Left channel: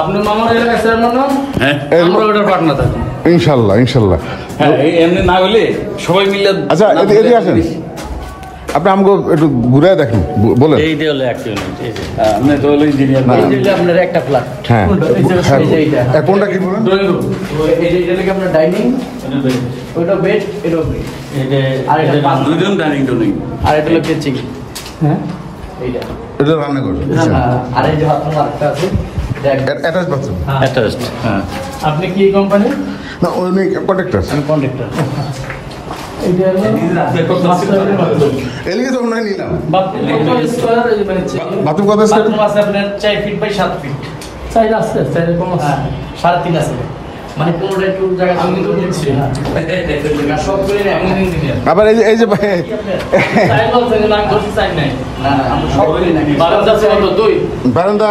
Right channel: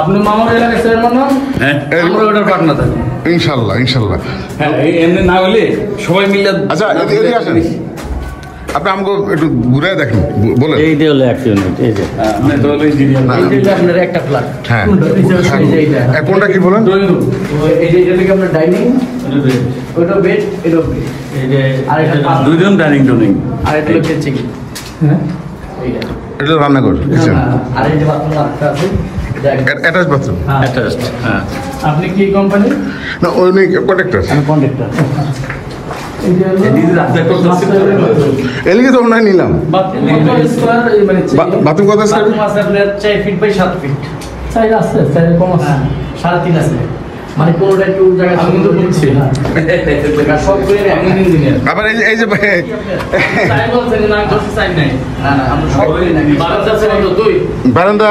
আপনি মামার এলাকায় চেয়ারম্যান হন, আমরা ওটার পার্টনার থাকি ইনশাল্লাহ ইনশাল্লাহ। হ্যাঁ, এমনি না হলে সবাই মিলে। আচ্ছা এদিকে আসেন, আপনি আমাকে একটু ঘুরে দেখেন, বলেন। এইটা হলো এক ইউনিট, এই যে এটা হলো ইঞ্জিনিয়ার, এইটা আপনার একটা ফ্ল্যাট। হ্যাঁ, কোনটা কি বলেন? ড্রয়িং রুম, এইটা থেকে আপনার ডাইনিং, ওটা বেড, এটা আর এটা দুই রুম ডাইনিং টুনিং, আর এটা হচ্ছে কিচেন। হ্যাঁ, এইটা এটা রান্নাঘর, আর এই যে বাথরুম আরেকটা আছে, অ্যাটাচ বাথরুম। অ্যাটাচড। হ্যাঁ, আপনি কি কোম্পানি? না ওই নেই, কন্ট্রাক্টর। আমি কন্ট্রাক্টর। এলিগে তো মনে হয় নিলাম। বাথরুম কত স্কয়ার? বাথরুম আছে আপনার 4 ফিট বাই 7 ফিট। সাইজ আছে, সাইজ কম আছে, 3.5 আছে। মানে কোনটা একটু জায়গা আমি তো বলছি সব করে ইঞ্জিনিয়ার। আবার এই যে সাইজ বলছেন না, আমি তো সাইজ নাই। না না, আমরা সব করে বারান্দা আছে কত? 2 বারান্দা।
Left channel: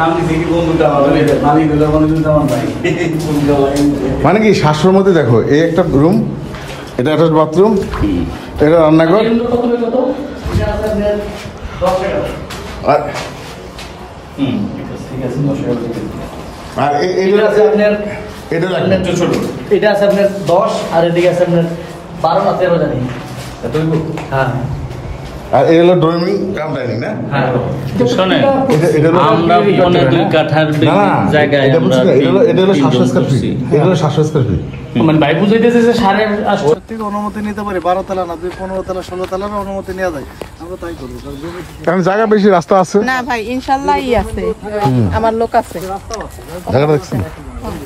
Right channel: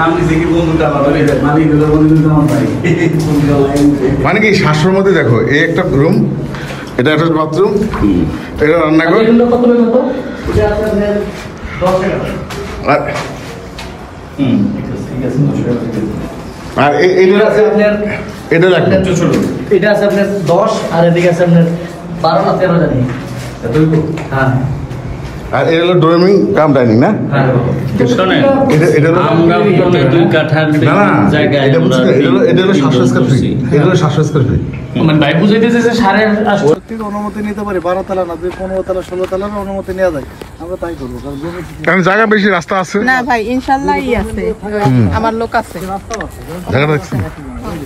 নাম দিছি কি বন্ধুটা আমার মালিক হলো বন্ধুটা আমার ভাই। মানে কি শাশুড়ির মধ্যে দেখো, এই একটা রুম, এটা একটা বাথরুম, এটা রান্নাঘর, কত কত? এটা আছে আপনার 10 টাকা। আর ঠিক আছে 10 টাকা। আর এটা আছে আপনার, এটা রাখবেন। এটা আছে আপনার 10, আর এদিকে আছে আপনার 12 না 13 জানি। হ্যাঁ, আর এটা হলো ড্রয়িং কাম ডাইনিং না? হ্যাঁ, শোনেন, এটা আমরা 2 কাঠার না না, জায়গায় এটা বলছি না, এটা হলো 700 স্কয়ার ফিট, এটা হলো 700 স্কয়ার ফিট। মানে ভাই বুঝাইতেছে যে 8.5 অনুমতি নিতে পারি, 12 তলা না 15 তলা 16 তলার অনুমতি নেওয়া যায়, আমরা তাই করবো। কারণ জায়গা বেশি, রাস্তা আছে না ভাই, ইনশাআল্লাহ আছে, আমার লোক আছে। জায়গাটা দেখছি।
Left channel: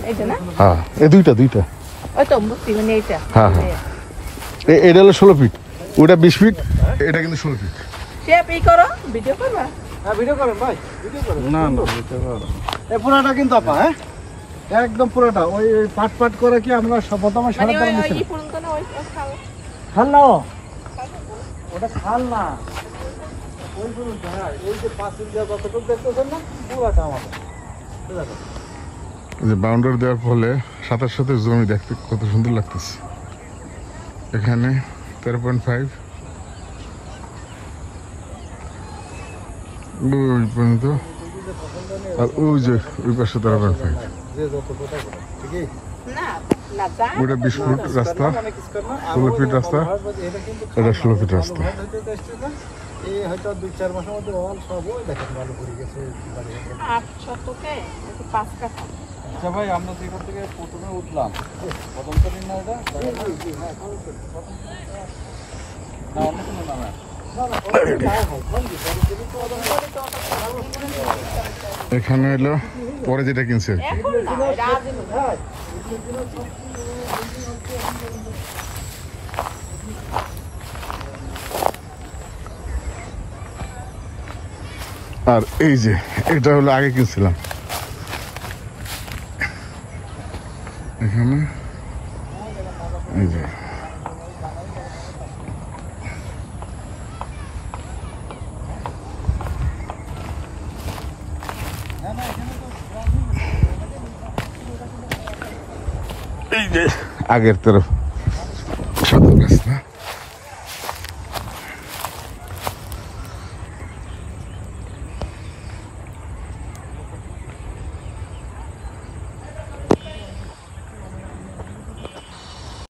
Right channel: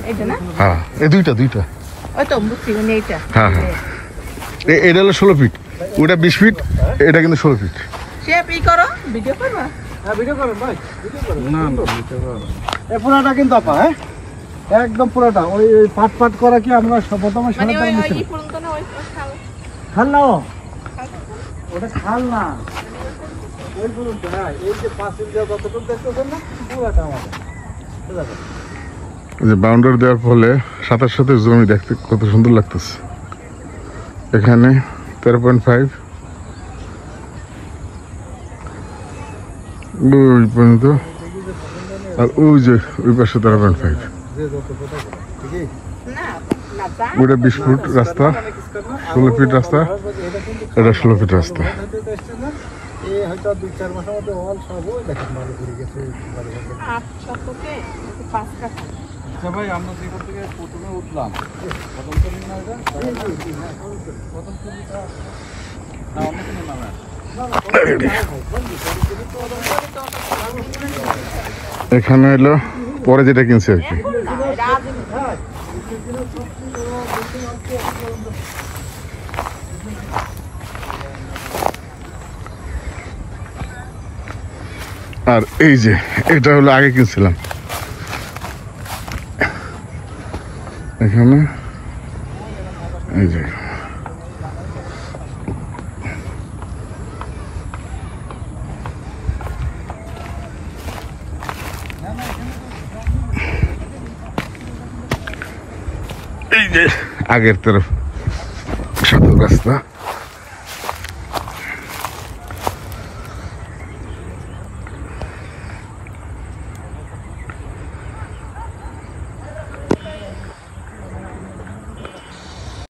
এইটা না, হ্যাঁ, এই দুইটা ওই তো বুঝছি মানে এইটা। হ্যাঁ হ্যাঁ, এটা হলো 16 ফিট, ওটা 20 ফিট, এটা কিন্তু 16 ফিট। শেপ ই করো, ভিডিও করবা। হ্যাঁ ভিডিও করেন ভাই, ভিডিও করেন। না এই পুরাটা কিন্তু আপা, হ্যাঁ একদম পুরাটা ওই পাট পাট করা কি আমরা প্রথমে মানে সারা ওই মিশে ই পর্যন্ত না, ওই খাল। খাল না ওটা খাল না, ওই পুরোটা এই যে পাশের যে কতটুকু দেখতেছেন পুরাটা আমাদের। যে বাউন্ডারি দেওয়ার ফলে সাথে সাথে জমি দেখতে কত সুন্দর লাগতেছে। এখানে 13.5 ওই পর্যন্ত, আর ওই যে ওই পাশে 13.5, না না দা, ওটা 20 ফুট রাস্তা, 16 ফিট রাস্তা, এটা 16 ফিট রাস্তা। এই হয়তো 2-4 মাসের মধ্যে অল সব ওই দেখেন ভালো করে গেছে বাড়ি। 8 শতকে 5 কাঠা। আচ্ছা ভাই, আমরা যেখান থেকে প্রথমে উঠলাম এখানে হলো পরে যেটা কিনছে আর কি। আর এই যে এটা হলো আগে কিনছিলাম, এখানে এই যে আগের তরফ